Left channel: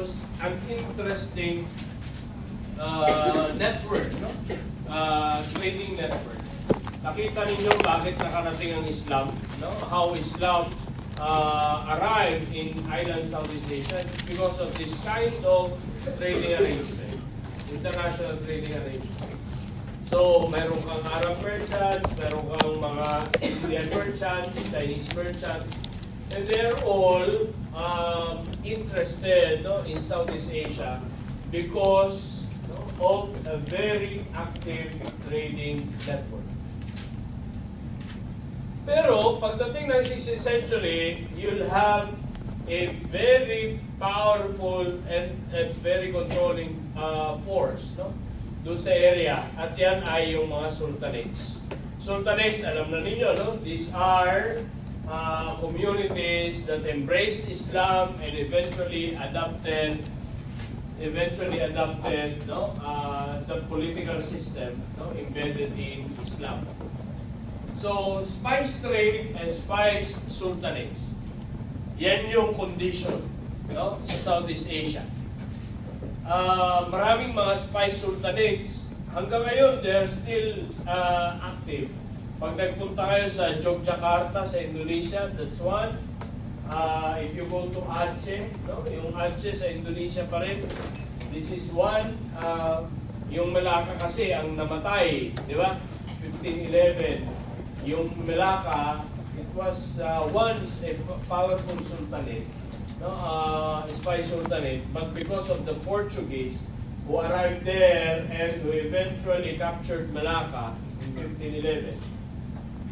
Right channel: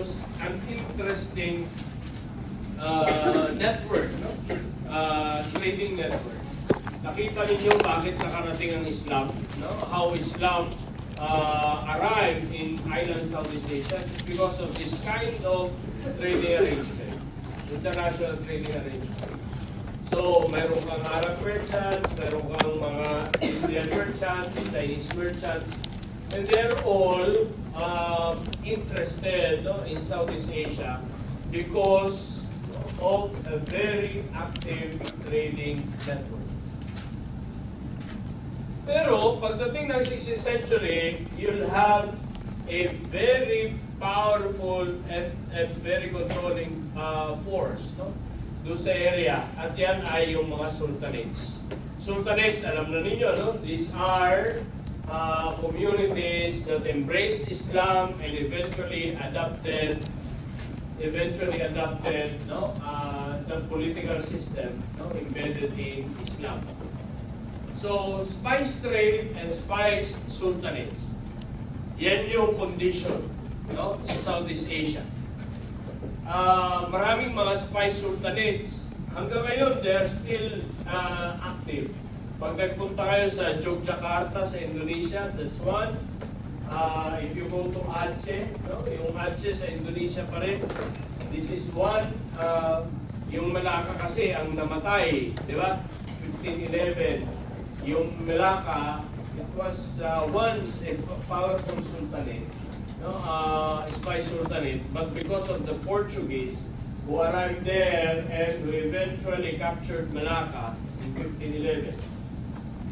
was an interesting network, no? Trading network. Nakita ninyo bakit nakarating ang Islam, no? How Islam arrived in island Southeast Asia. It's because of this kind of trading arrangement, international trading arrangement. So, meron kang Arab merchants, meron kang mga Indian merchants, Chinese merchants, and they're all interested, no, in Southeast Asia because of a very active trading network. Pero pagdating ng 16th century, you'll have a very powerful and very controlling force, no, doon sa area. At yan ay yung mga sultanates. Sultanates, alam na ninyo, no? These are communities that embraced Islam and eventually adopted no, the political system, no, embedded in Islam. So, spice trade and spice sultanates, yan yung condition, no, sa Southeast Asia. Maraming mga spice sultanates, hanggang ngayon, they're still active. Pag nagpunta kayo sa Yogyakarta, sa Indonesia, that's one. If you go to Aceh, no? Yung Aceh sa Indonesia pa rin, this is one. Yung Malacca kasi ang namatay, di ba? 1511. Yung Malacca, it was once a powerful sultanate, no? Spice sultanate, but because of the Portuguese who arrived there and who eventually captured Malacca in 1511,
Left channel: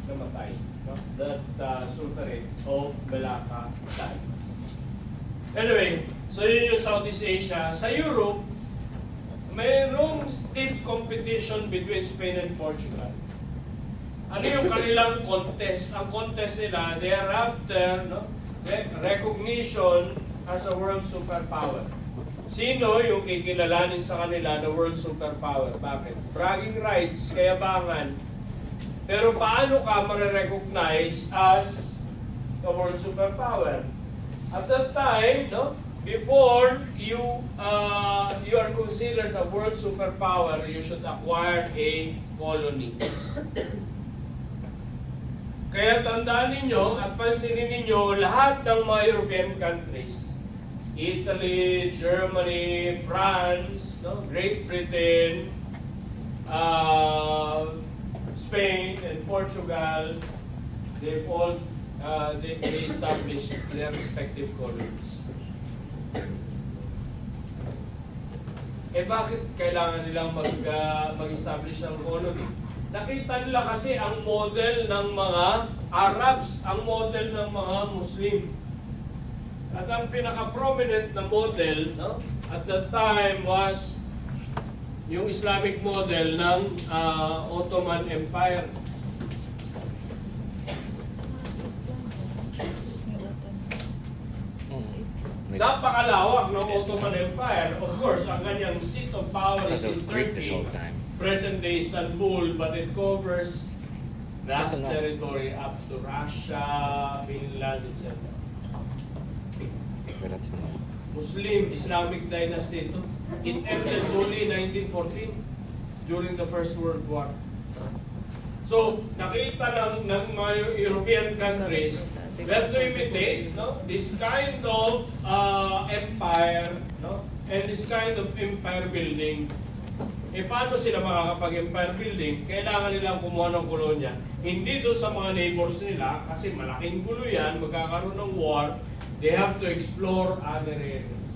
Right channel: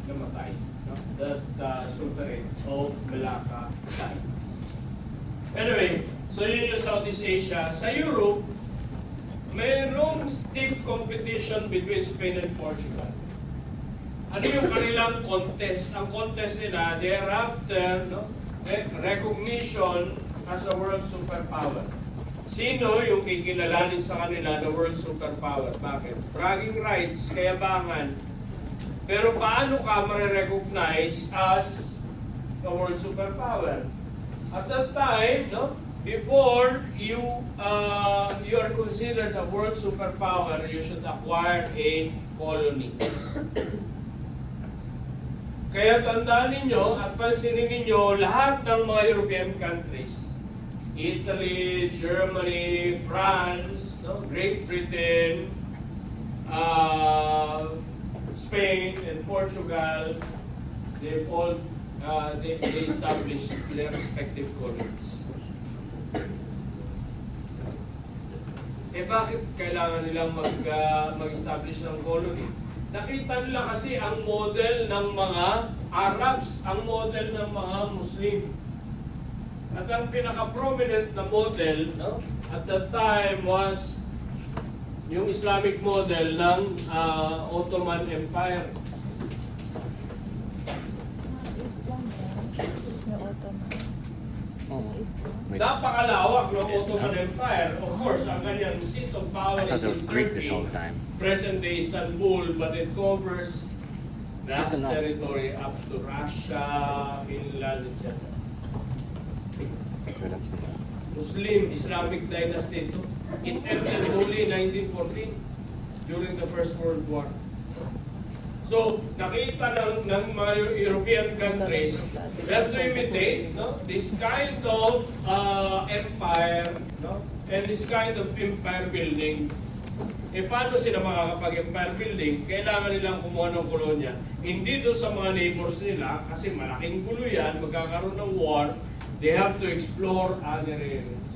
namatay. No? That sultanate of Malacca died. Anyway, so yun yung Southeast Asia. Sa Europe, mayroong stiff competition between Spain and Portugal. Ano yung kanilang contest? Ang contest nila, thereafter, no, recognition as a world superpower. Sino yung kikilalanin sa kanila na world superpower? Bakit? Bragging rights, kayabangan. Pero paano ka ma-recognize as a world superpower? At that time, no, before you are considered a world superpower, you should acquire a colony. Kaya tandaan ninyo at pansinin ninyo lahat ng mga European countries, Italy, Germany, France, no, Great Britain, Spain, and Portugal, they all they established their respective colonies. Eh bakit kailangan nilang mag-establish ng colony? Nakita nila kasi ang model ng mga Arabs, ang model ng mga Muslim. At ang pinaka-prominent na model, no, at that time was yung Islamic model ng Ottoman Empire. Islam ba? Yung Ottoman. Napakalawak ng Ottoman Empire. Of course, ang kanyang seat of power is in Greek this Turkey, whole time. present-day Istanbul, but it covers vast territory up to Russia, Finland, etc. But that's not. Muslim Islamic dynasty ito. It ended only in 1914 during the First World War. So, nakita ng mga European countries that to imitate, no, this kind of empire, no, and this kind of empire building. E paano sila makakapag-empire building? Kailangan nilang kumuha ng kolonya. Hindi doon sa mga neighbors nila, kasi malaking gulo yan, magkakaroon ng war, they have to explore other areas.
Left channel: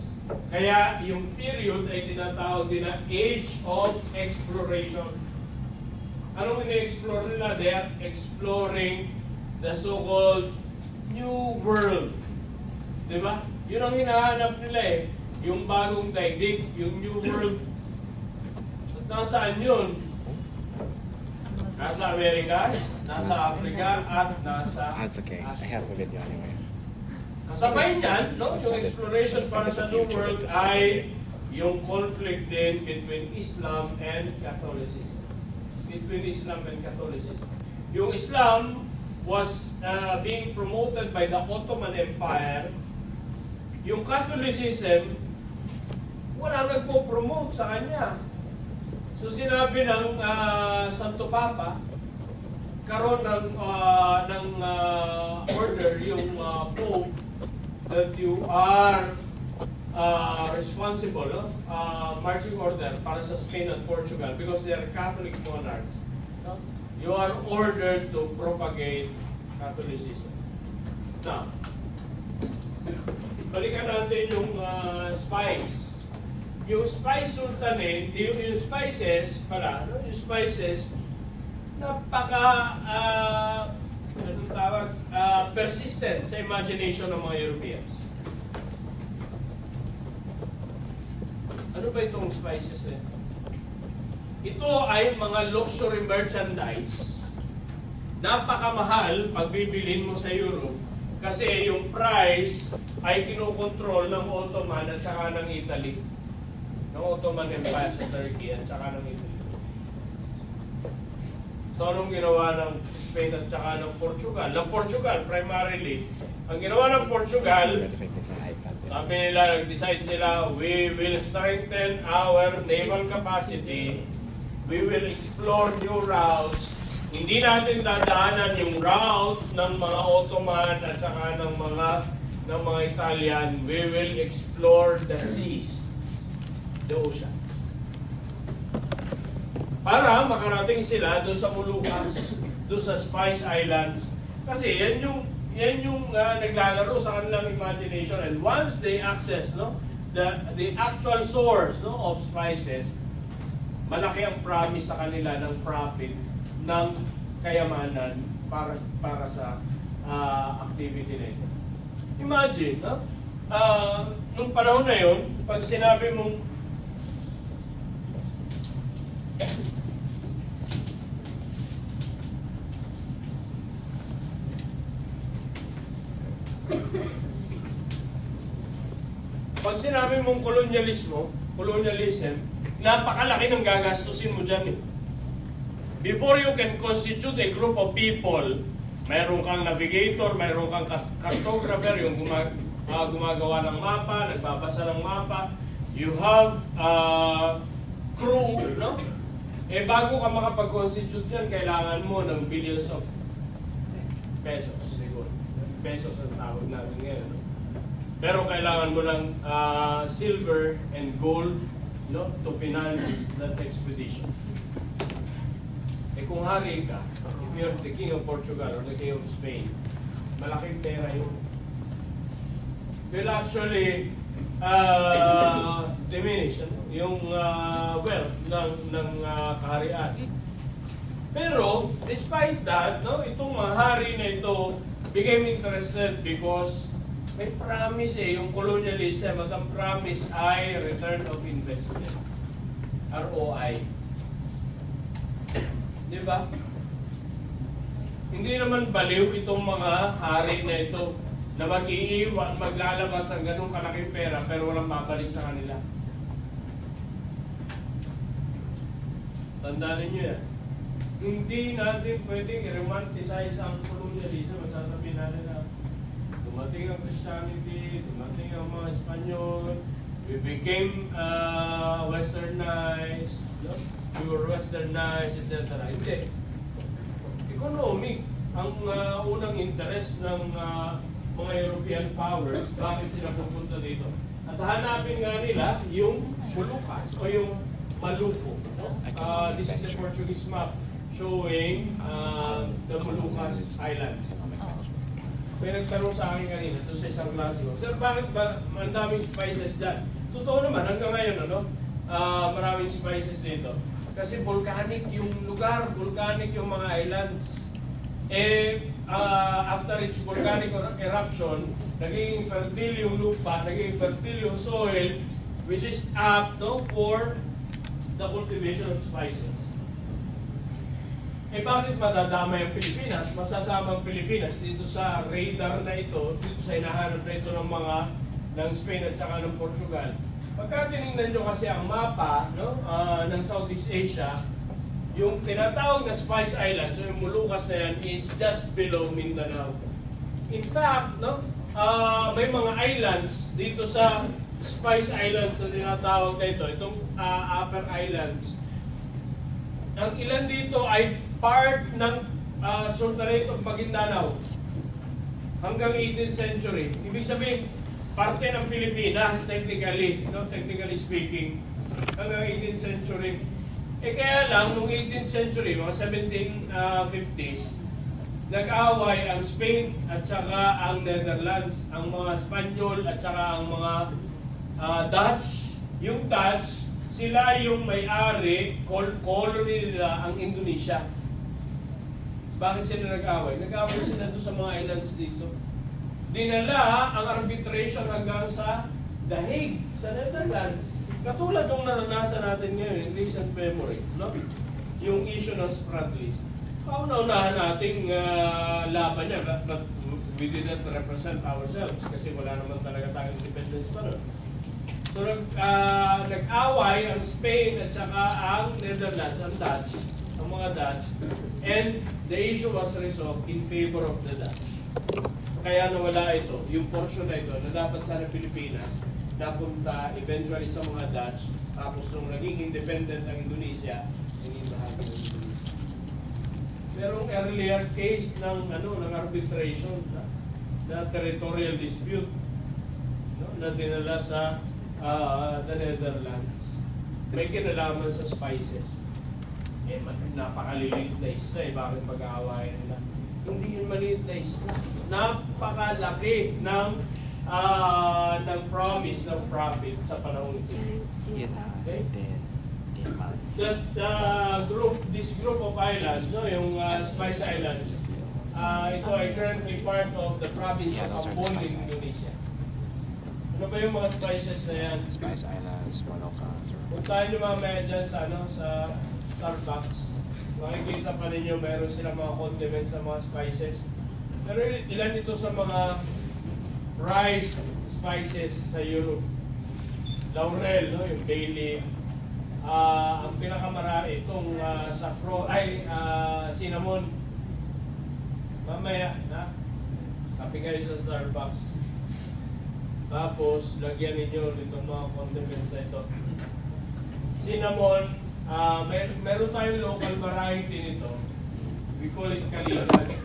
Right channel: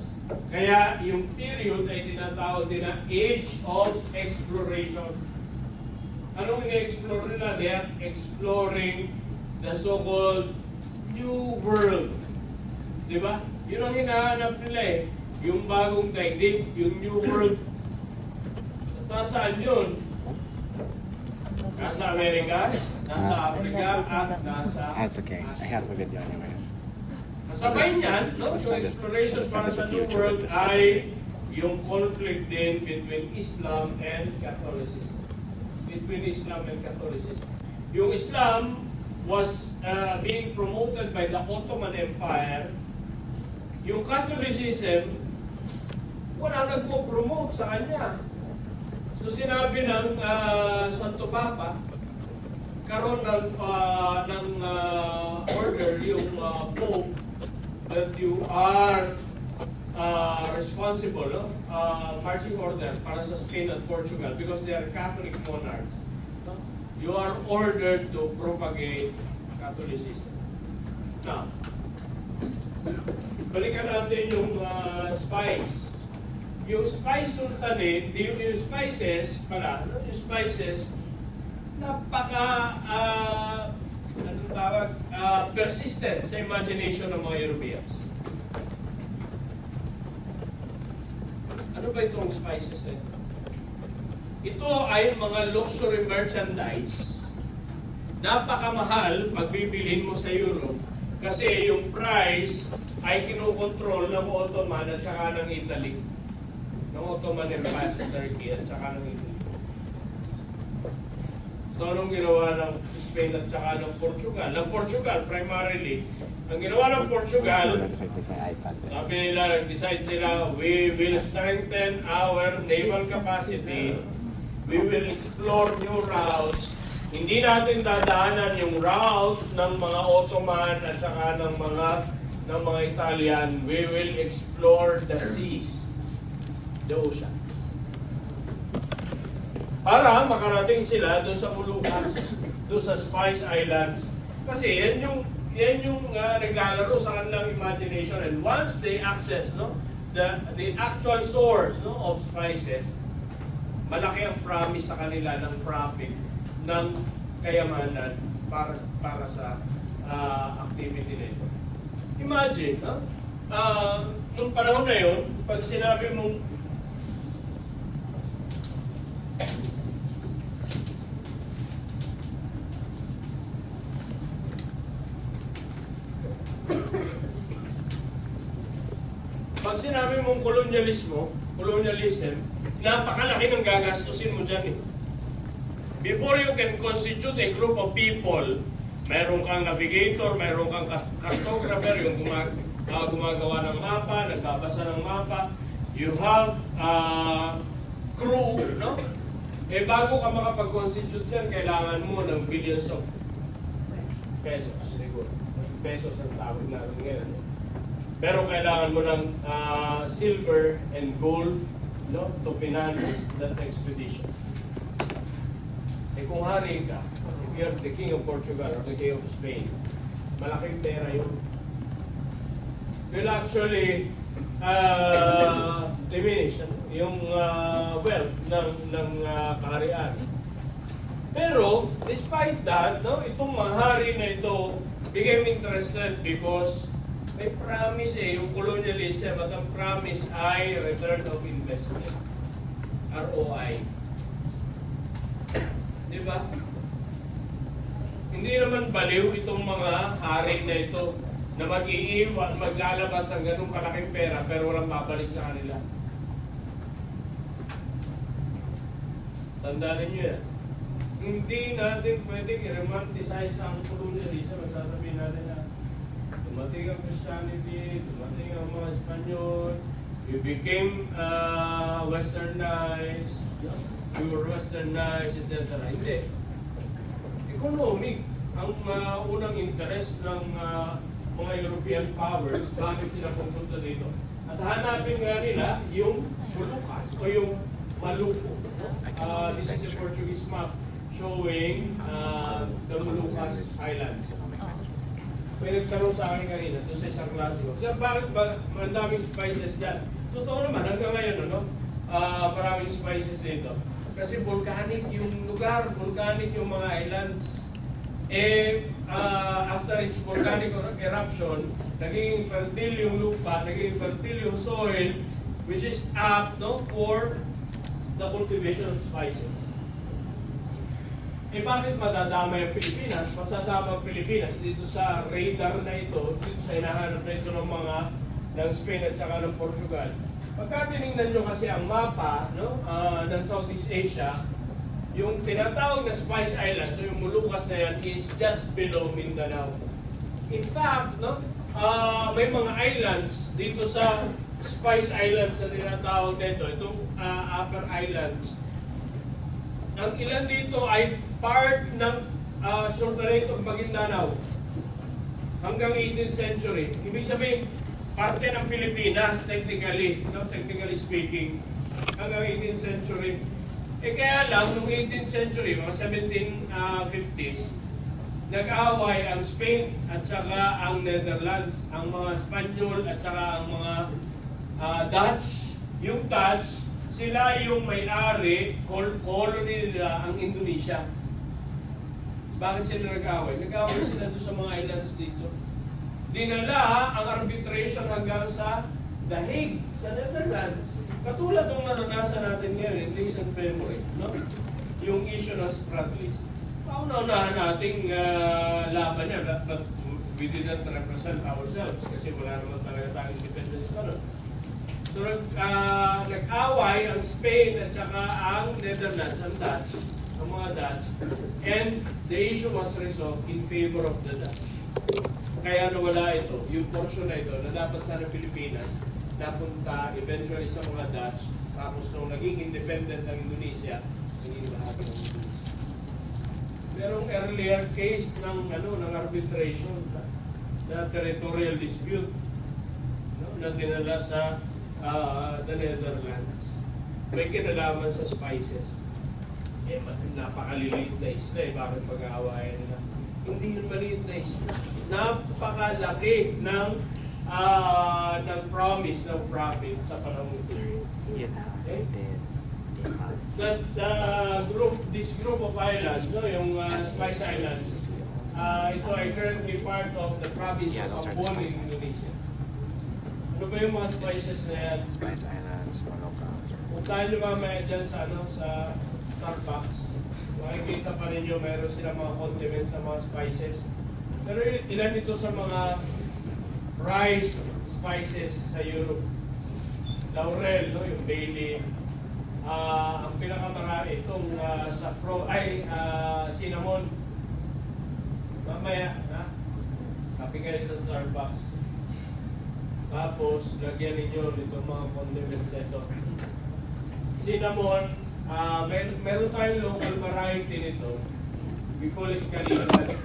Kaya yung period ay tinatawag din na Age of Exploration. Anong ini-explore nila? They are exploring the so-called New World. Diba? Yun ang hinahanap nila eh. Yung bagong daigdig, yung New World. At nasaan yun? Nasa Amerikas, nasa Africa, at nasa That's okay. I have a video anyways. kasabay niyan, no, yung exploration para sa New World ay yung conflict din between Islam and Catholicism. Between Islam and Catholicism. Yung Islam was being promoted by the Ottoman Empire. Yung Catholicism Wala nagpo-promote sa kanya. So sinabi ng Santo Papa, karon ng order yung Pope that you are responsible, no? Marching order para sa Spain at Portugal because they are Catholic monarchs. No? You are ordered to propagate Catholicism. Now, balikan natin yung spice. Yung spice sultanate, yung spices pala, no? Yung spices, napaka persistent sa imagination ng mga Europeans. Ano ba itong spices? Ito ay mga luxury merchandise. Napakamahal pag bibilhin mo sa Europe kasi yung price ay kinukontrol ng Ottoman at saka ng Italy. Ng Ottoman Empire sa Turkey at saka ng Italy. So anong ginawa ng Spain at saka ng Portugal? Ng Portugal primarily, ang ginawa ng Portugal, sabi nila, nag-decide sila, we will strengthen our naval capacity, we will explore new routes, hindi natin dadaanan yung route ng mga Ottoman at saka ng mga Italian, we will explore the seas, the oceans. Para makarating sila doon sa Moluccas, doon sa Spice Islands. Kasi yan yung naglalaro sa kanilang imagination. And once they access the actual source of spices, malaki ang promise sa kanila ng profit, ng kayamanan para sa activity na ito. Imagine, nung panahon na yun, pag sinabi mong colonialism, napakalaki ng gagastusin mo dyan eh. Before you can constitute a group of people, mayroon kang navigator, mayroon kang cartographer, yung gumagawa ng mapa, nagbabasa ng mapa, you have crew, no? Eh bago ka makapag-constitute yan, kailangan mo ng billions of pesos, siguro. Pesos ang tawag natin ngayon. Pero kailangan mo ng silver and gold, no, to finance that expedition. Eh kung hari ka, if you're the king of Portugal or the king of Spain, malaking pera yun. Will actually diminish yung wealth ng kaharian. Pero despite that, no, itong mga hari na ito became interested because may promise yung colonialism at ang promise ay return of investment. ROI. Di ba? Hindi naman baliw itong mga hari na ito na maglalabas ng ganung kalaking pera pero walang mabalik sa kanila. Tandaan ninyo yan. Hindi natin pwedeng i-romanticize ang colonialism. Magsasabihin natin na dumating ang Christianity, dumating ang mga Espanyol, we became westernized, we were westernized, etc. Hindi. Economic ang unang interest ng mga European powers, bakit sila pupunta dito. At hanapin nga nila yung Moluccas o yung Maluco. This is a Portuguese map showing the Moluccas Islands. May nagtanong sa akin kanina, doon sa isang klase ko, Sir, bakit ba ang daming spices dyan? Totoo naman, hanggang ngayon, maraming spices dito. Kasi volcanic yung lugar, volcanic yung mga islands. After its volcanic eruption, naging fertile yung lupa, naging fertile yung soil, which is apt for the cultivation of spices. Bakit madadamay ang Pilipinas? Masasama ang Pilipinas dito sa radar na ito, dito sa hinahanap na ito ng Spain at saka ng Portugal. Pagka tinignan nyo kasi ang mapa ng Southeast Asia, yung tinatawag na Spice Islands, so yung Moluccas na yan, is just below Mindanao. In fact, may mga islands dito sa Spice Islands na tinatawag na ito, itong Upper Islands. Ang ilan dito ay part ng Sultanate of Maguindanao hanggang 18th century. Ibig sabihin, parte ng Pilipinas, technically, no? Technically speaking, hanggang 18th century. Kaya lang, noong 18th century, mga 1750s, nag-away ang Spain at saka ang Netherlands, ang mga Spanyol at saka ang mga Dutch. Yung Dutch, sila yung may-ari, colony nila ang Indonesia. Bakit sila nag-away? Nag-away sila doon sa mga islands dito. Dinala ang arbitration hanggang sa The Hague, sa Netherlands. Katulad ng naranasan natin ngayon in recent memory, no? Yung issue ng Spratlys. Pauna-unahan nating laban niya, but we did not represent ourselves kasi wala naman talaga tayong independence pa nun. So nag-away ang Spain at saka ang Netherlands, ang Dutch, ang mga Dutch, and the issue was resolved in favor of the Dutch. Kaya nawala ito, yung portion na ito na dapat sana Pilipinas, napunta eventually sa mga Dutch, tapos nung naging independent ang Indonesia, naging bahagi ng Indonesia. Merong earlier case ng arbitration na territorial dispute, no, na dinala sa the Netherlands. May kinalaman sa spices. Napakaliliit na isla bakit mag-aawayan na? Hindi yun maliit na isla. Napakalaki ng promise ng profit sa panahon ito. Okay? This group of islands, no, yung Spice Islands, ito ay currently part of the province of Ambon in Indonesia. Ano ba yung mga spices na yan? Spice Islands, Moluccas. Kung tayo lumamaya dyan sa Starbucks, makikita pa ninyo mayroon sila mga condiments sa mga spices. Pero ilan ito sa mga rice spices sa Europe? Laurel, no? Yung bay leaf. Ang pinakamarami itong saffron, cinnamon. Mamaya, kape kayo sa Starbucks. Tapos, lagyan ninyo itong mga condiments na ito. Cinnamon, meron tayong local variety nito. We call it kalikat.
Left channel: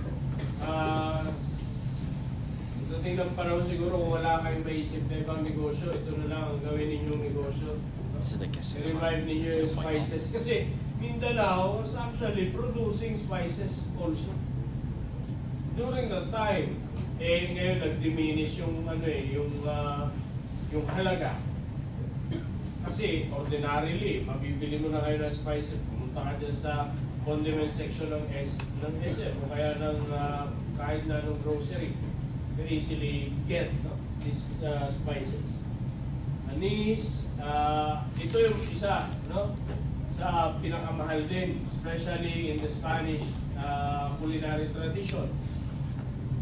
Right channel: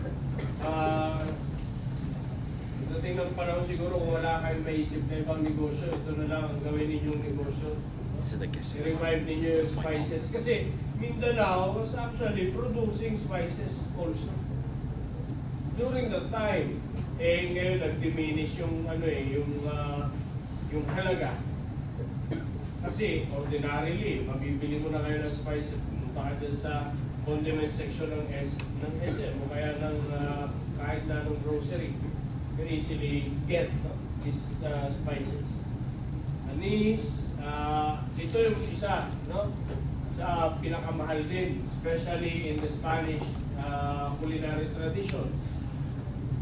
Dating ng panahon siguro kung wala kayong maisip na ibang negosyo, ito na lang ang gawin ninyong negosyo. I-revive ninyo yung spices. Kasi Mindanao was actually producing spices also. During that time, ngayon nag-diminish yung yung halaga. Kasi ordinarily, mabibili mo na kayo ng spices, pumunta ka dyan sa condiment section ng SM o kaya ng kahit na ng grocery. You can easily get these spices. Anise, ito yung isa, no? Sa pinakamahal din, especially in the Spanish culinary tradition.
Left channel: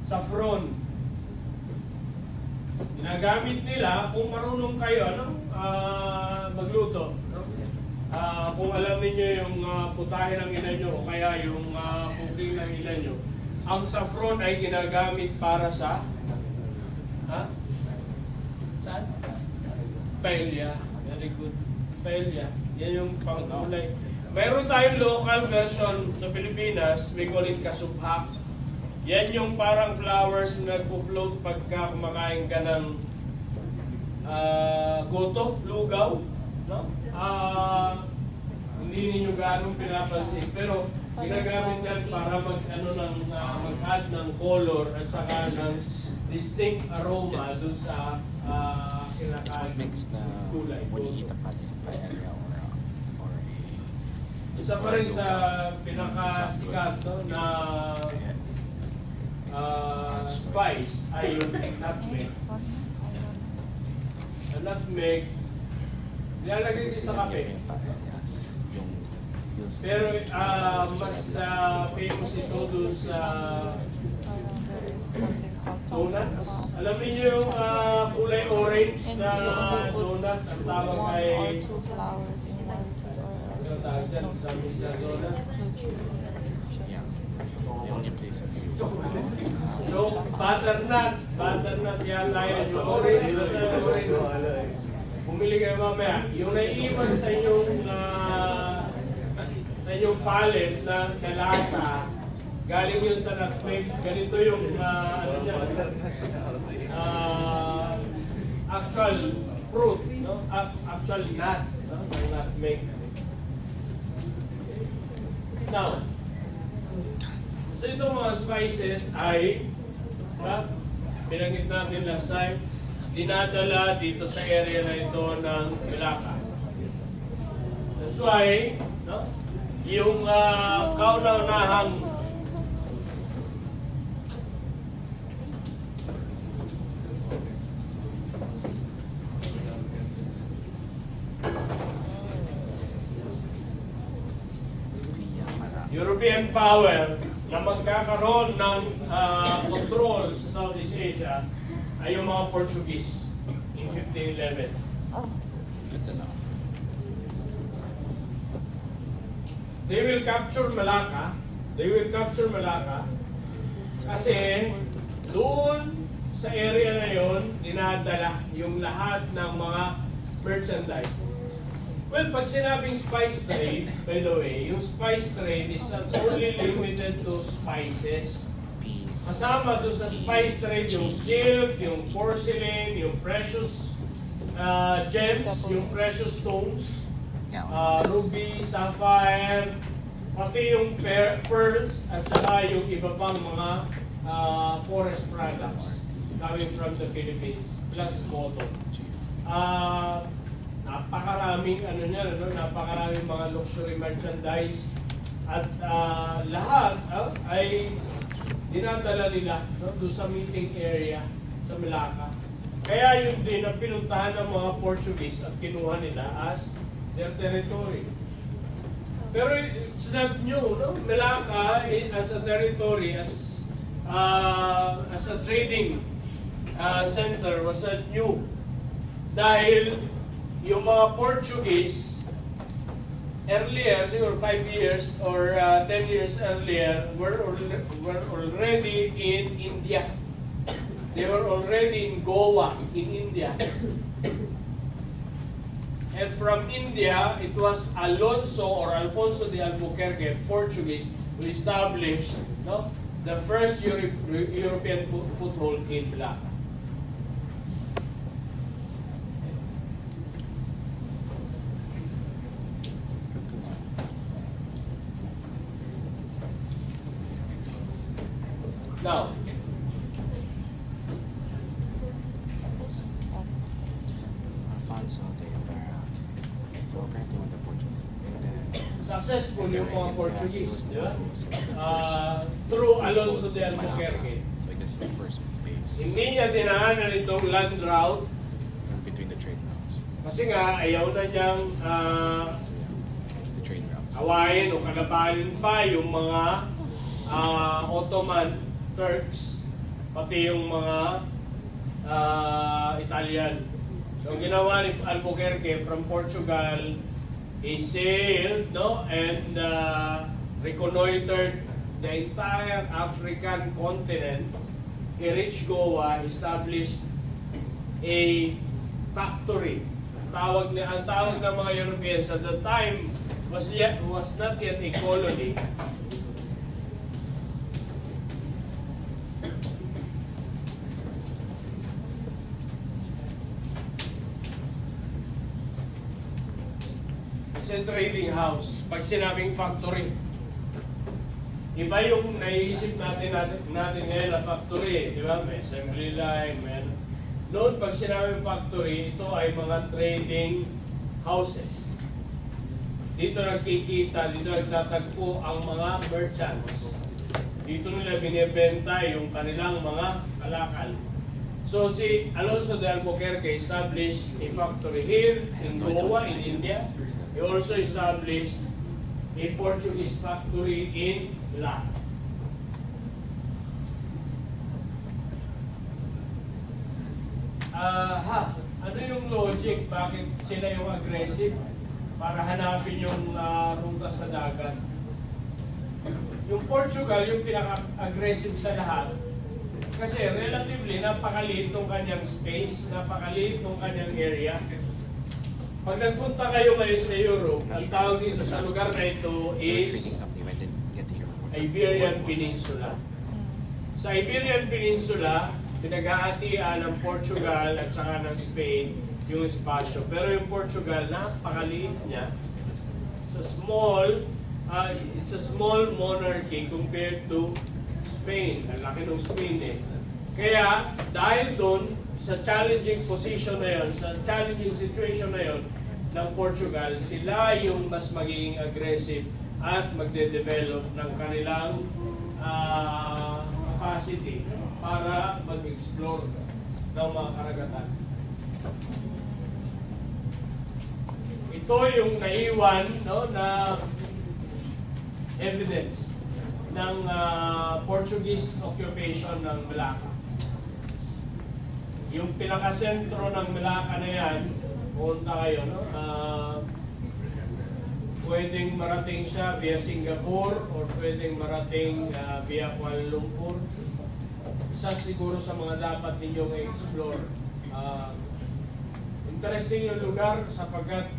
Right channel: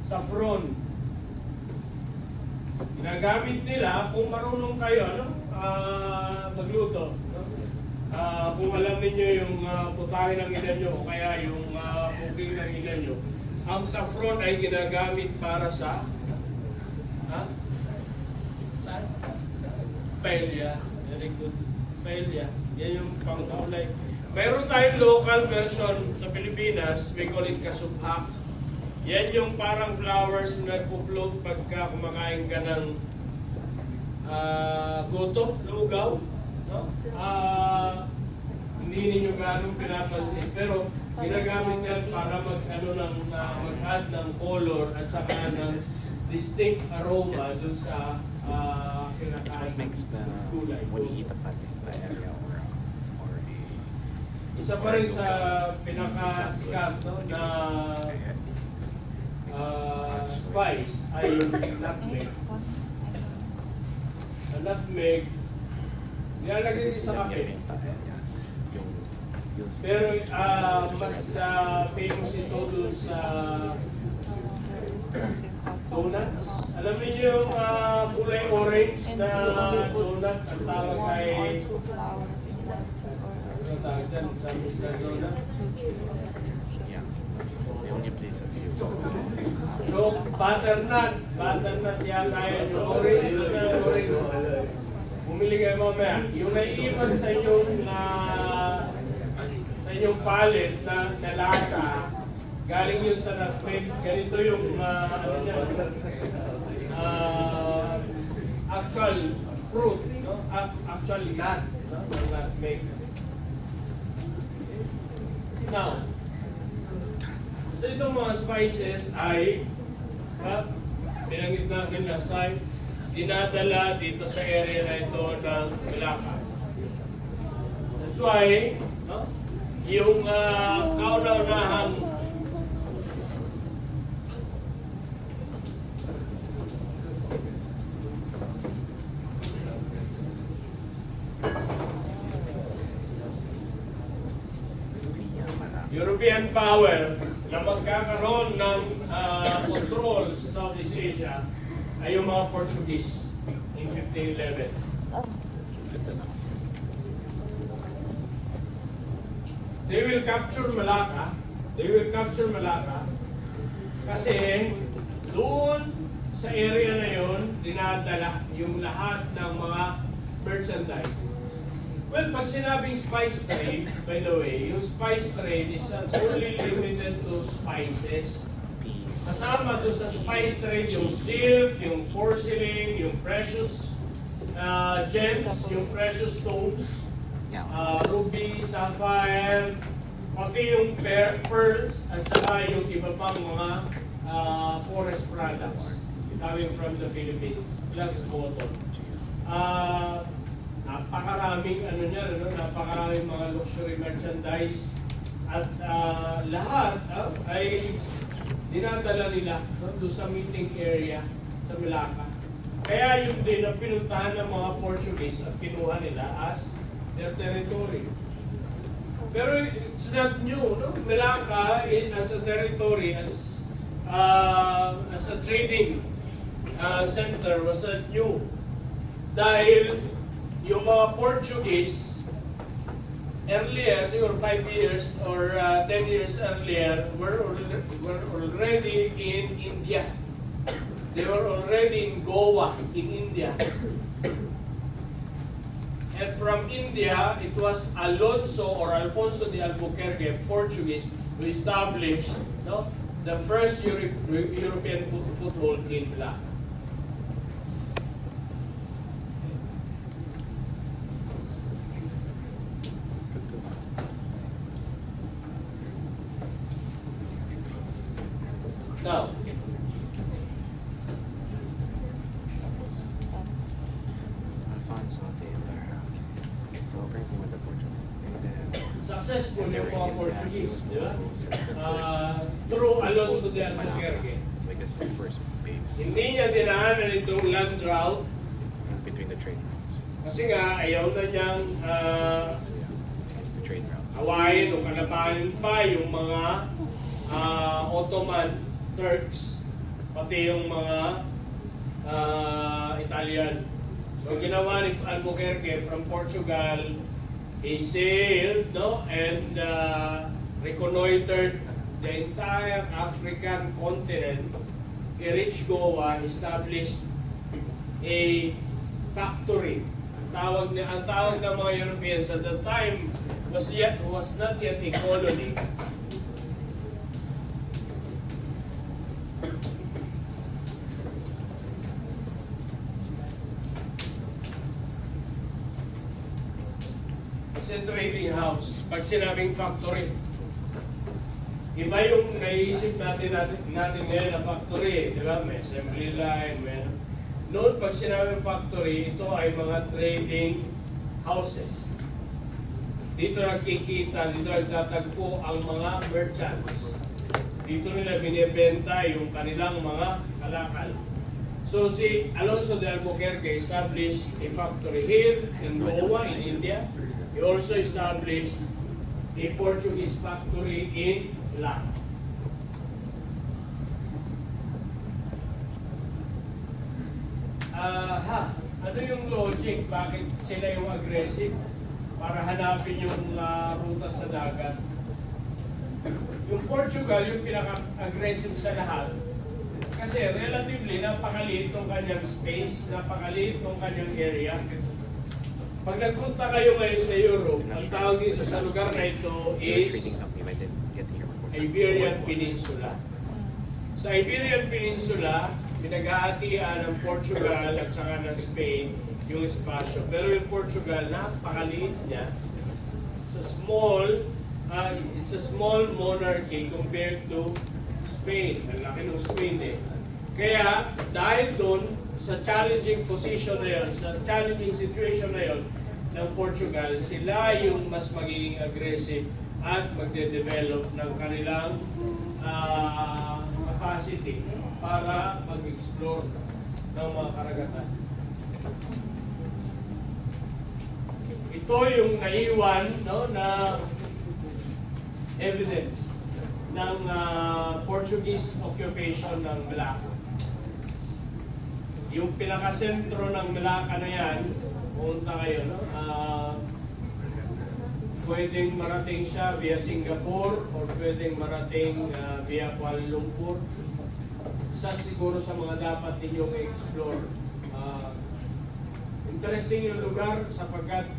Saffron. Ginagamit nila kung marunong kayo magluto. No? Kung alam niyo yung putahe ng ina nyo o kaya yung cooking ng ina nyo, ang saffron ay ginagamit para sa paella. Very good. Paella. Yan yung pangkulay. Mayroon tayong local version sa Pilipinas. We call it kasubhak. Yan yung parang flowers na nagpo-float pagka kumakain ka ng goto, lugaw. No? Hindi ninyo gano'ng pinapansin. Pero ginagamit yan para mag-add ng color at saka ng distinct aroma dun sa kinakain kulay. Isa pa rin sa pinakasikat na spice ay yung nutmeg. Ang nutmeg, nilalagay din sa kape. Pero mas famous ito dun sa donuts. Alam niyo yung kulay orange na donut, ang tawag ay ano tawag dyan? Samis na donut. So, butternut yata yun yung orange. bumili kayo mamaya. Yung naiiwan sa inyong pallet na lasa, galing yun sa nutmeg. Ganito yung ano niya, actual fruit, no? Actual nuts, no? Yung nutmeg. Now, so itong mga spices ay pinanggit natin last time, dinadala dito sa area na ito ng Malacca. That's why, no? Yung kauna-unahang European power na magkakaroon ng control sa Southeast Asia ay yung mga Portuguese in 1511. Oh. They will capture Malacca. They will capture Malacca kasi doon sa area na yon dinadala yung lahat ng mga merchandise. Well, pag sinabing spice trade, by the way, yung spice trade is not only limited to spices. Kasama doon sa spice trade yung silk, yung porcelain, yung precious gems, yung precious stones, ruby, sapphire, pati yung pearls, at saka yung iba pang mga forest products coming from the Philippines, plus cotton. Napakaraming napakaraming mga luxury merchandise at lahat ay dinadala nila doon sa meeting area sa Malacca. Kaya yun din ang pinuntahan ng mga Portuguese at kinuha nila as their territory. Pero it's not new, no? Malacca as a territory, as a trading center was not new. Dahil yung mga Portuguese earlier, siguro 5 years or 10 years earlier, were already in India. They were already in Goa, in India. And from India, it was Alfonso de Albuquerque, Portuguese, who established the first European foothold in Malacca. Now, successful yung mga Portuguese, di ba? Through Alonso de Albuquerque. Hindi niya dinaanan itong land route between the trade routes. kasi nga ayaw na niyang hawain o kalabanin pa yung mga Ottoman Turks, pati yung mga Italian. So ginawa ni Albuquerque from Portugal, he sailed and reconnoitered the entire African continent. He reached Goa, established a factory. Ang tawag ng mga Europeans at the time was not yet a colony. It's a trading house. Pag sinabing factory, iba yung naiisip natin ngayon na factory, di ba? May assembly line, noon pag sinabing factory, ito ay mga trading houses. Dito nagkikita, dito nagtatagpo ang mga merchants. Dito nila binibenta yung kanilang mga kalakal. So si Alonso de Albuquerque established a factory here in Goa, in India. He also established a Portuguese factory in Malacca. Ano yung logic? Bakit sila yung aggressive? Para hanapin yung ruta sa dagat. Yung Portugal, yung pinaka-aggressive sa lahat, kasi relatively napakaliit ng kanyang space, napakaliit ng kanyang area. Pag nagpunta kayo ngayon sa Europe, ang tawag dito sa lugar na ito You're is treating something I didn't get here. Iberian Peninsula. Sa Iberian Peninsula, pinag-aatian ng Portugal at saka ng Spain yung espasyo. Pero yung Portugal, napakaliit niya. It's a small monarchy compared to Spain. Ang laki ng Spain eh. Kaya, dahil doon, sa challenging position na yun, sa challenging situation na yun ng Portugal, sila yung mas magiging aggressive at magde-develop ng kanilang capacity para mag-explore ng mga karagatan. Ito yung naiwan na evidence ng Portuguese occupation ng Malacca. Yung pinakasentro ng Malacca na yan, pumunta kayo, pwedeng marating siya via Singapore or pwedeng marating via Kuala Lumpur. Isa siguro sa mga dapat ninyong i-explore. Interesting yung lugar sapagkat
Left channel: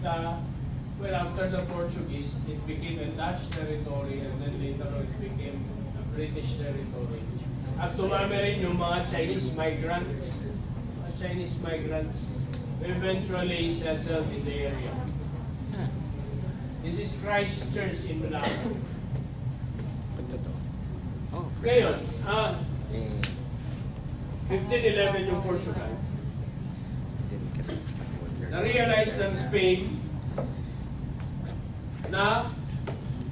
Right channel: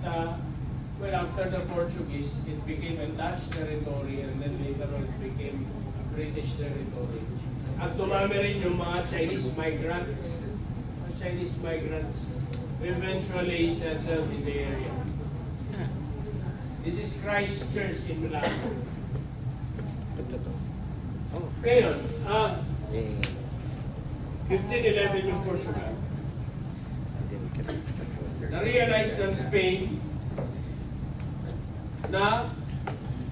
after the Portuguese, it became a Dutch territory and then later on it became a British territory. At tumami rin yung mga Chinese migrants who eventually settled in the area. This is Christ Church in Malacca. Ngayon, 1511 yung Portugal. Na-realize ng Spain na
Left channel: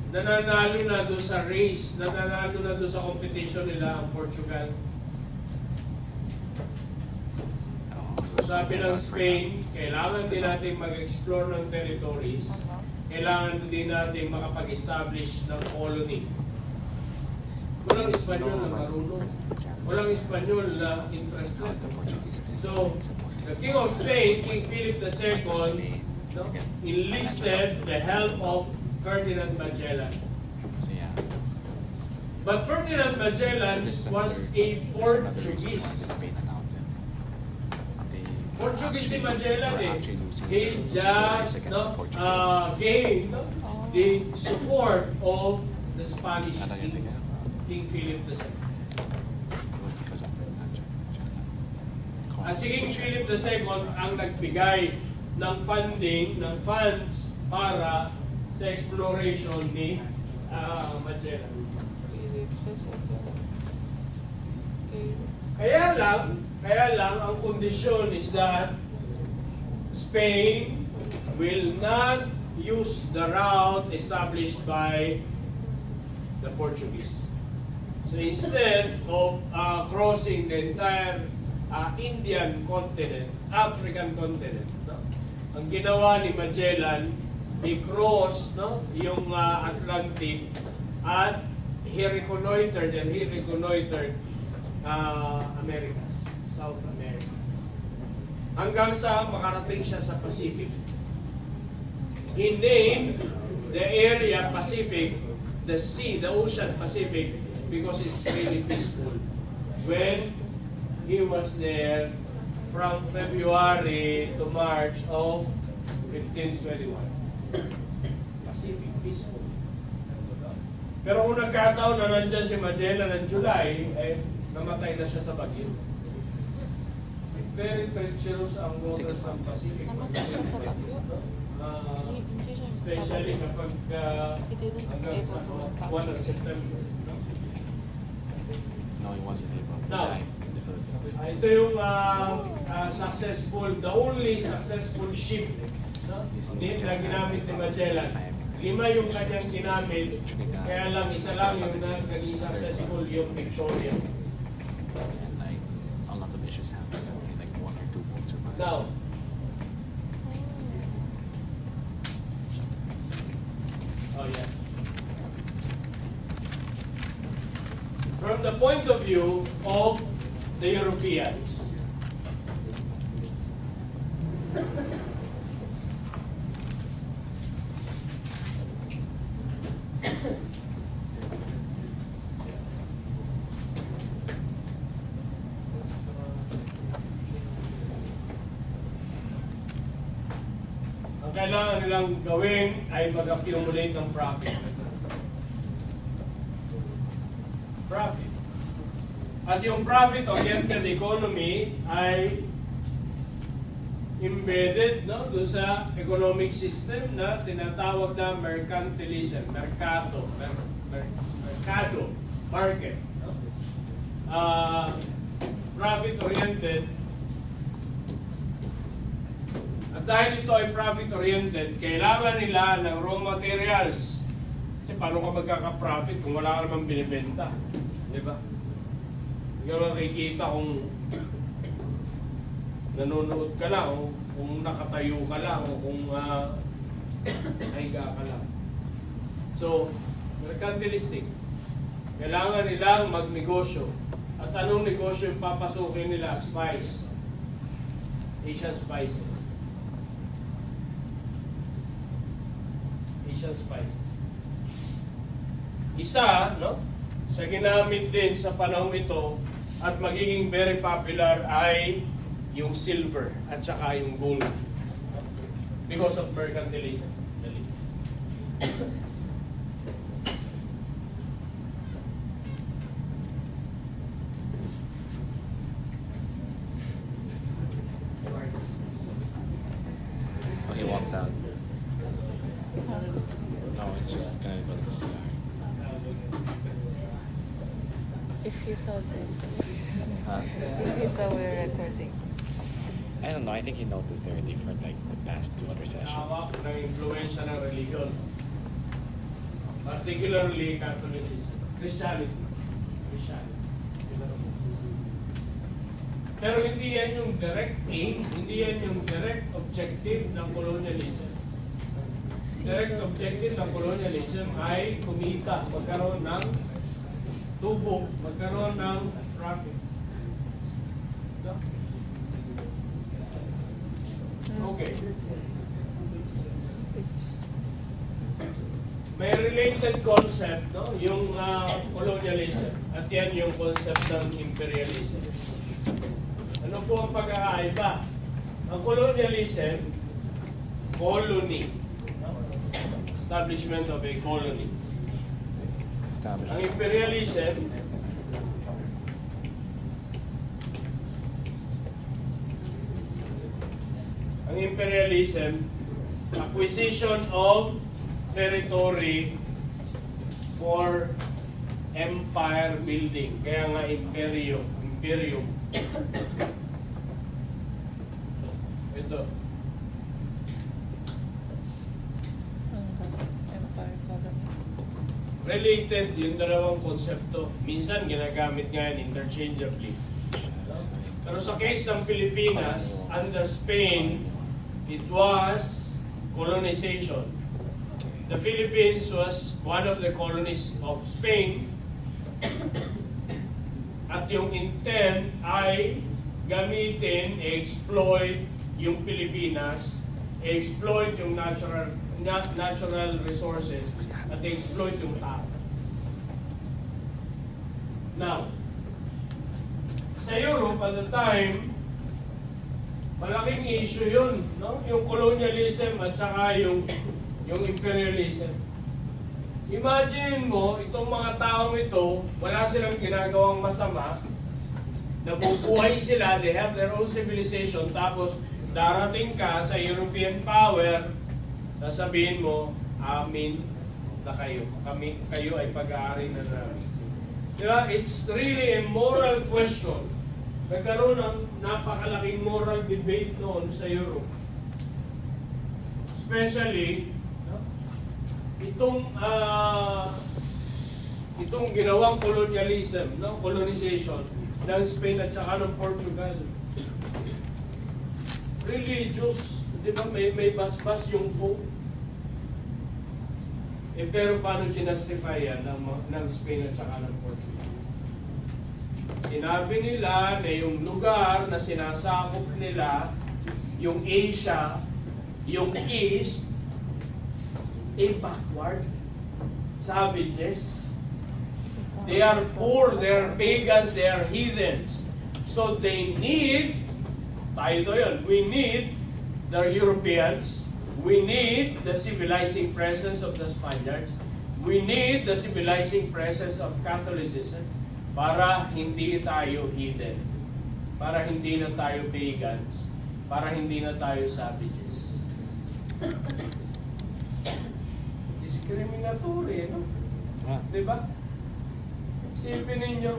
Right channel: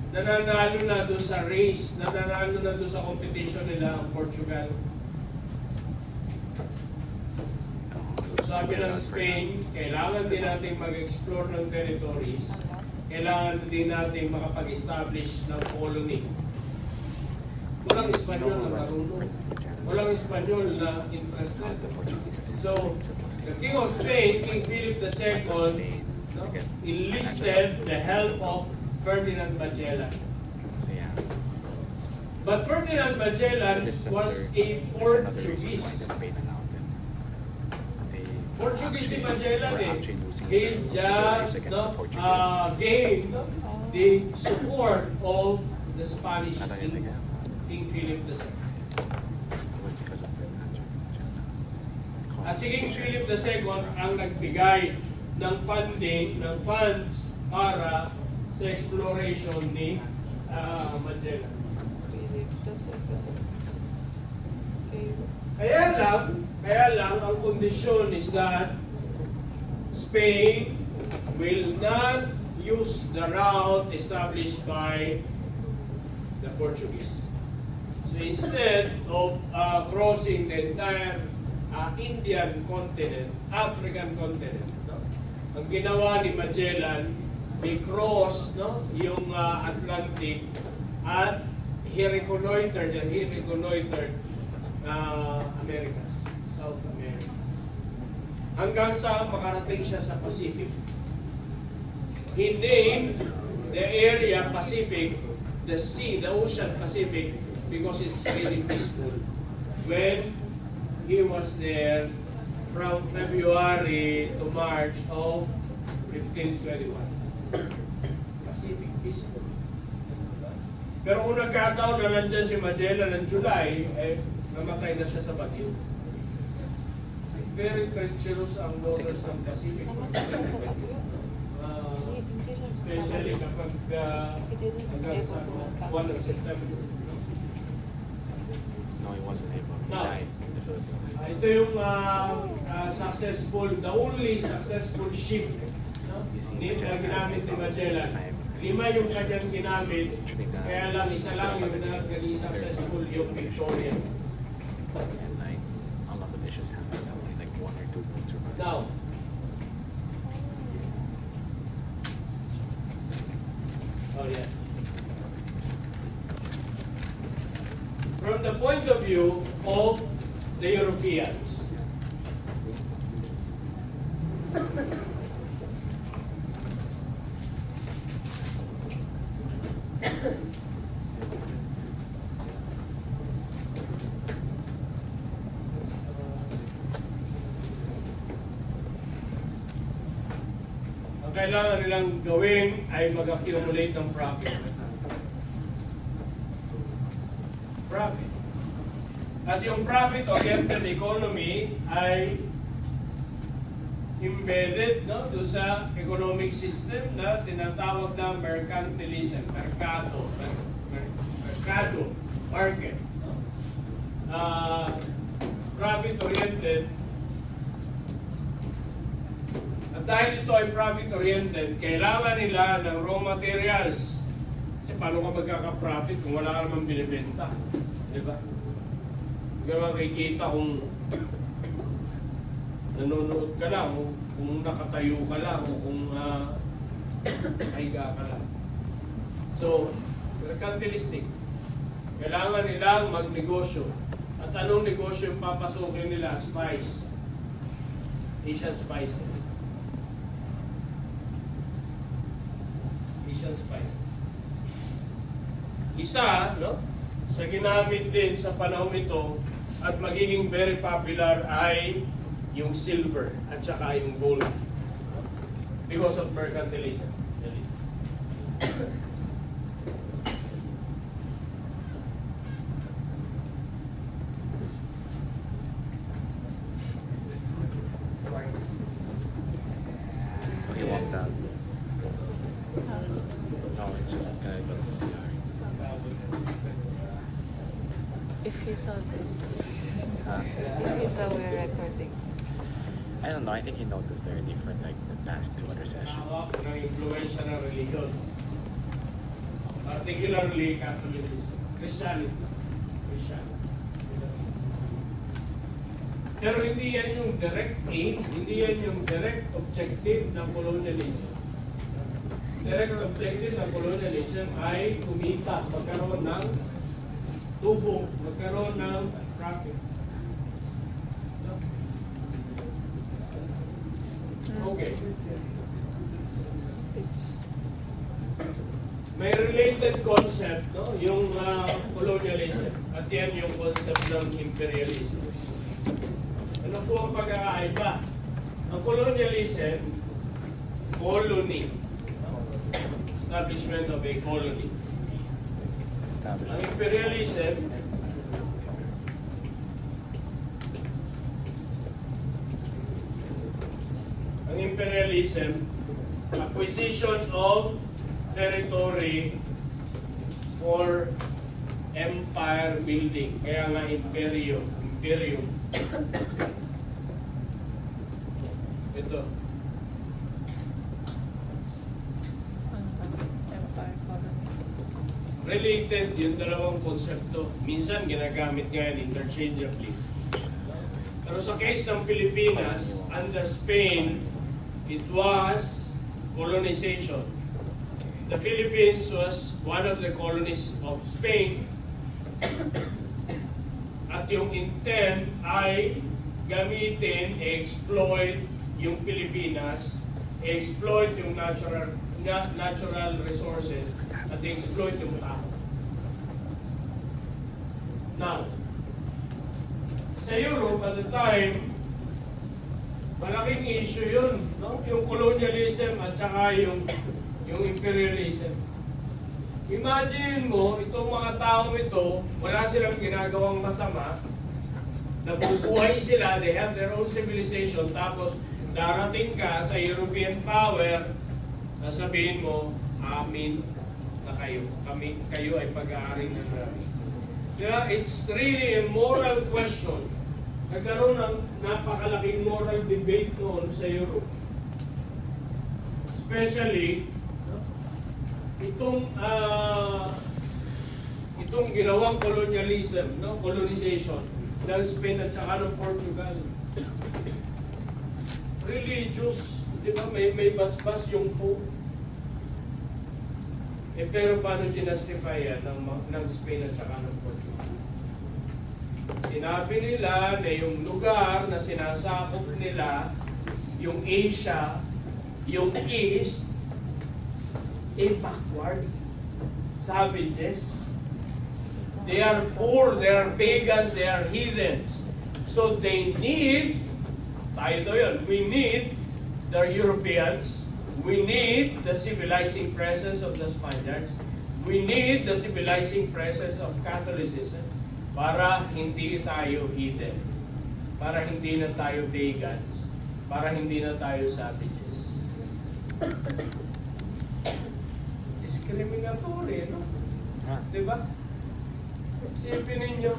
nananalo na doon sa race, nananalo na doon sa competition nila ang Portugal. Sabi ng Spain, kailangan din natin mag-explore ng territories, kailangan din natin makapag-establish ng colony. Walang Espanyol na marunong, walang Espanyol na interested. So, the King of Spain, King Philip II, enlisted the help of Ferdinand Magellan. But Ferdinand Magellan was a Portuguese. Portuguese si Magellan he just gained the support of the Spanish King, King Philip II. At si King Philip II ang nagbigay ng funding, ng funds para sa exploration ni Magellan. Kaya lang, ang kondisyon is that Spain will not use the route established by the Portuguese. So instead of crossing the entire Indian continent, African continent, ang ginawa ni Magellan, he crossed yung Atlantic at he reconnoitered Americas, South America. Hanggang sa makarating siya sa Pacific. He named the area Pacific, the sea, the ocean Pacific, because it's really peaceful. When he was there from February to March of 1521. Pacific, peaceful. Pero kung nagkataon na nandyan si Magellan ng July, namatay na siya sa bagyo. Very treacherous ang waters ng Pacific. Especially kapag hanggang sa 1 of September. No, I wasn't able to Now, die in the Philippines. ito yung the only successful ship na ginamit ni Magellan. 5 yung kanyang ginamit, kaya lang isa lang yung naging successful yung Victoria. And like a lot of issues happened. Only like 1 or 2 points survived. Now, from the point of view of the Europeans, ang kailangan nilang gawin ay mag-accumulate ng profit. Profit. At yung profit-oriented economy ay embedded, no, doon sa economic system na tinatawag na mercantilism, mercado, market. No? Profit-oriented. At dahil ito ay profit-oriented, kailangan nila ng raw materials. Kasi paano ka magkaka-profit kung wala ka namang binibenta? Di ba? Hindi ka makikita kung nanonood ka lang, kung nakatayo ka lang, o kung higa ka lang. So, mercantilistic. Kailangan nilang magnegosyo. At anong negosyo yung papasukin nila? Spice. Asian spices. Asian spices. Isa, no? Sa ginamit din sa panahon ito at magiging very popular ay yung silver at saka yung gold. Because of mercantilism. Oh, he walked out. No, it's just guy with the cigar. If you saw this, Huh? if you saw we're recording. I don't know. I think he noticed there are different, like, the past two recessions. Hawak ng influensya ng religion. Particularly Catholicism. Christianity. Pero hindi yan yung direct aim, hindi yan yung direct objective ng colonialism. Direct objective ng colonialism ay kumita, magkaroon ng tubo, magkaroon ng profit. Okay. May related concept, no? Yung colonialism. At yan yung concept ng imperialism. Ano po ang pagkakaiba? Ang colonialism, colony. Establishment of a colony. Ang imperialism, acquisition of territory for empire building. Kaya nga imperium. Ito. Empire colony. Related yung dalawang konsepto. Minsan ginagamit nga yan interchangeably. Pero sa case ng Pilipinas, under Spain, it was colonization. The Philippines was one of the colonies of Spain. At yung intent ay gamitin, exploit yung Pilipinas, exploit yung natural resources, at exploit yung tao. Now, sa Europe at the time, malaking issue yun, no? Yung colonialism at saka yung imperialism. Imagine mo, itong mga taong ito, wala silang ginagawang masama, nabubuhay sila, they have their own civilization, tapos darating ka sa European power, sasabihin mo, amin na kayo. Kayo ay pag-aari na namin. Diba? It's really a moral question. Nagkaroon ng napakalaking moral debate noon sa Europe. Especially, itong ginawang colonialism, no, colonization ng Spain at saka ng Portugal. Religious, di ba, may basbas yung Pope. Pero paano ginastify yan ng Spain at saka ng Portugal? Sinabi nila na yung lugar na sinasakop nila, yung Asia, yung East, backward, savages. They are poor, they are pagans, they are heathens. So they need, tayo yun, we need the Europeans We need the civilizing presence of the Spaniards. We need the civilizing presence of Catholicism para hindi tayo hidden, para hindi na tayo pagans, para hindi na tayo savages. Discriminatory, no? Diba? Isipin ninyo,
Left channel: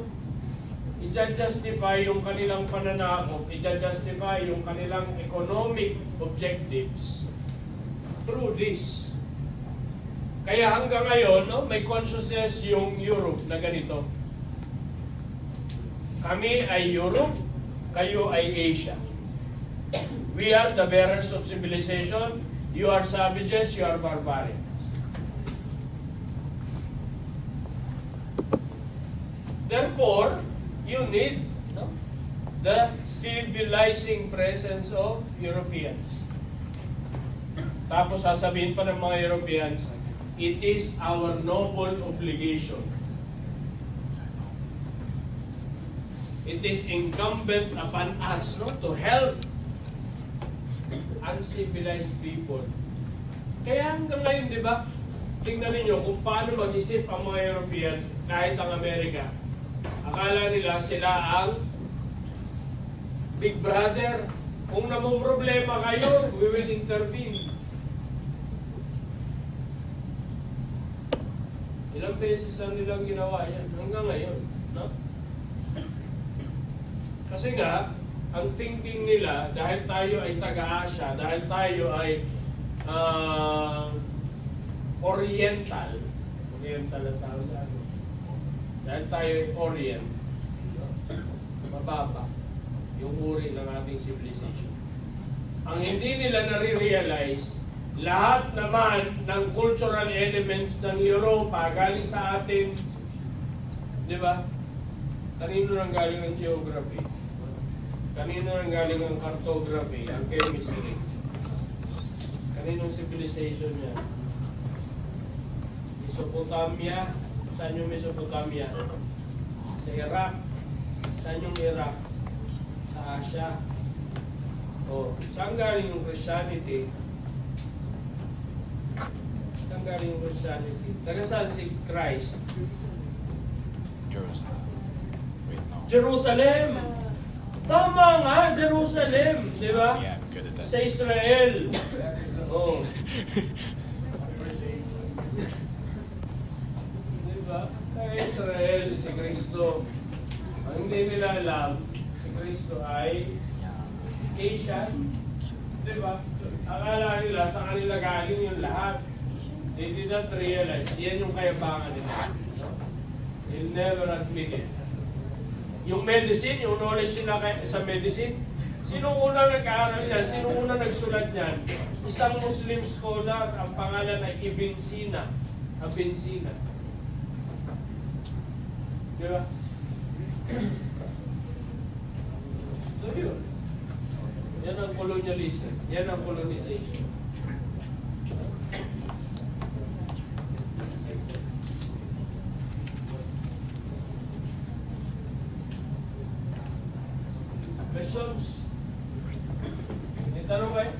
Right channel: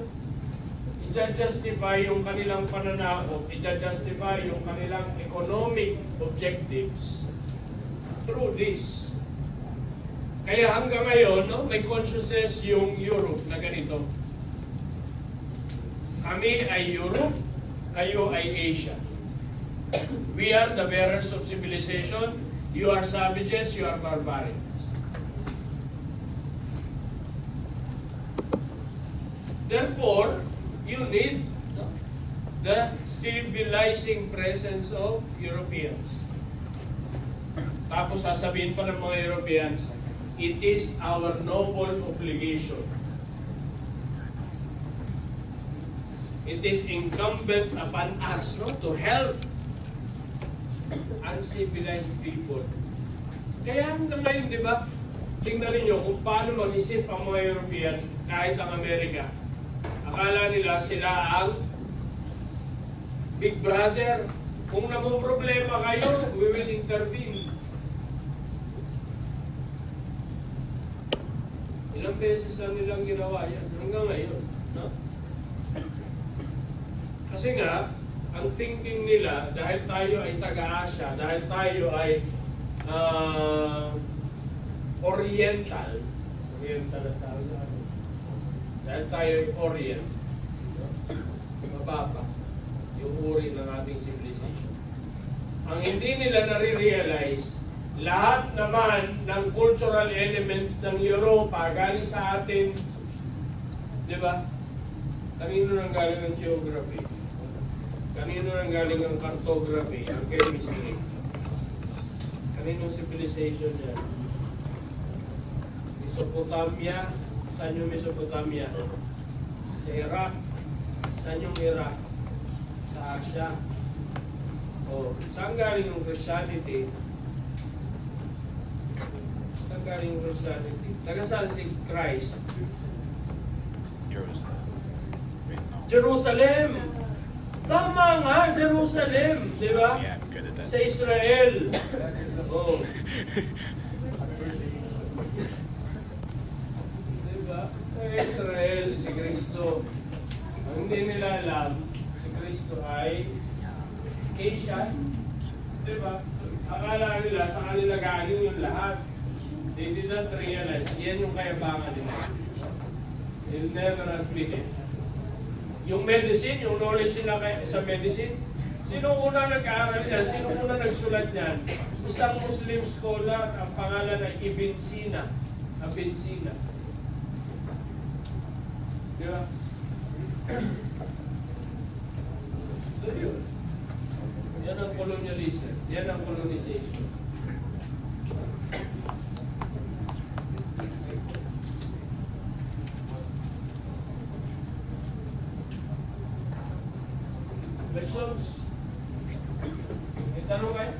i-justify yung kanilang pananakot, i-justify yung kanilang economic objectives through this. Kaya hanggang ngayon, no, may consciousness yung Europe na ganito. Kami ay Europe, kayo ay Asia. We are the bearers of civilization, you are savages, you are barbarians. Therefore, you need, no, the civilizing presence of Europeans. Tapos sasabihin pa ng mga Europeans, it is our noble obligation. It is incumbent upon us, no, to help uncivilized people. Kaya hanggang ngayon, di ba, tingnan ninyo kung paano mag-isip ang mga Europeans, kahit ang Amerika. Akala nila sila ang Big Brother. Kung problema kayo, we will intervene. Ilang beses lang nilang ginawa yan hanggang ngayon, no? Kasi nga, ang thinking nila, dahil tayo ay taga-Asia, dahil tayo ay Oriental ang tawag natin. Dahil tayo ay Orient, no? Mababa yung uri ng ating civilization. Ang hindi nila nare-realize, lahat naman ng cultural elements ng Europa galing sa atin, di ba? Kanino nang galing ang geography? Kanino nang galing ang cartography, ang chemistry? Kaninong civilization yan? Mesopotamia. Saan yung Mesopotamia? Sa Iraq. Saan yung Iraq? Sa Asia. O, saan galing yung Christianity? Saan galing yung Christianity? Taga saan si Christ? Jerusalem. Wait, no. Jerusalem! Tama nga, Jerusalem! Di ba? Yeah, I'm good at that. Sa Israel. Oh. Di ba? Sa Israel, si Kristo. Ang hindi nila alam, si Kristo ay Asian. Di ba? Akala nila, sa kanila galing yung lahat. They did not realize. Yan yung kayabangan nila. They'll never admit it. Yung medicine, yung knowledge nila sa medicine, sino unang nag-aaral yan? Sino unang nagsulat yan? Isang Muslim scholar, ang pangalan ay Ibn Sina. Ibn Sina. Di ba? So yun. Yan ang colonialism. Yan ang colonization. Questions? May tanong kayo?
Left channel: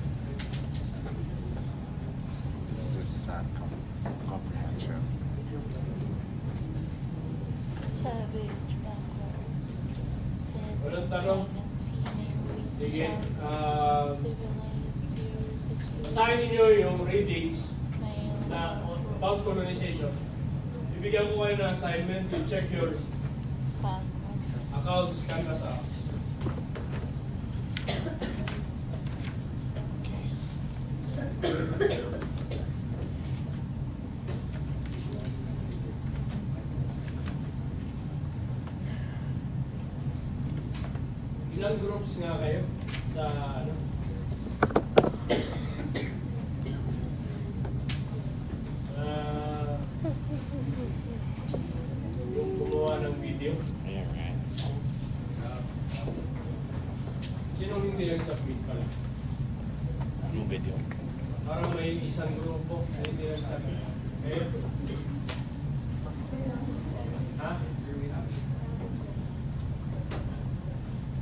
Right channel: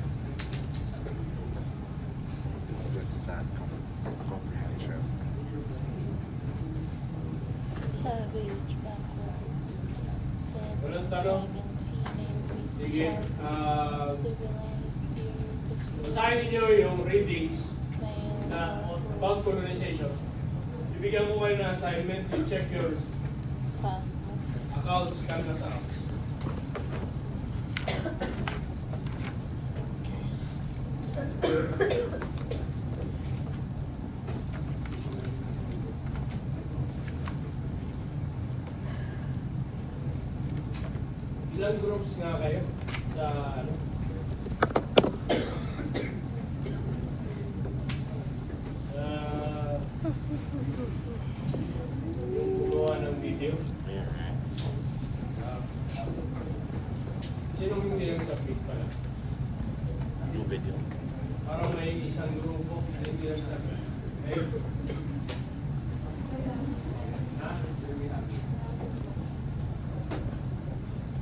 This is just sad comprehension. Savage, backward. Walang tanong? Sige. Civilized, Basahin ninyo yung readings na about colonization. Ibigyan ko kayo ng assignment. You check your accounts kung nasa accounts. Ilang groups nga kayo sa ano? Sa gumawa ng video? Yeah, right. Sinong hindi nag-submit pala? Yung video. Parang may isang grupo na hindi nag-submit. Ayun. Ha?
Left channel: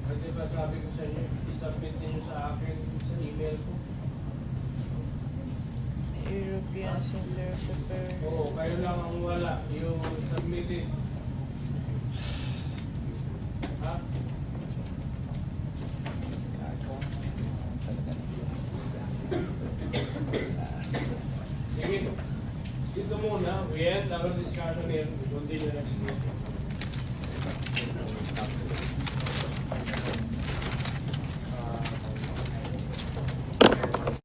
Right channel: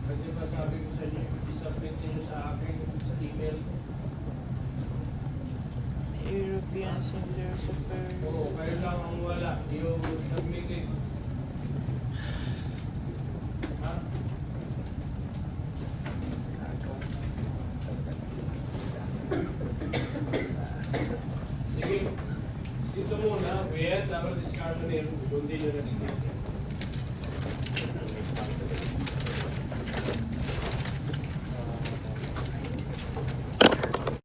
Kasi ba sabi ko sa inyo, i-submit niyo sa akin sa email ko. experience in their super. Oo, kayo lang ang wala. Yung submitted. Ha? Sige. Dito muna. We end our discussion here. We continue next week.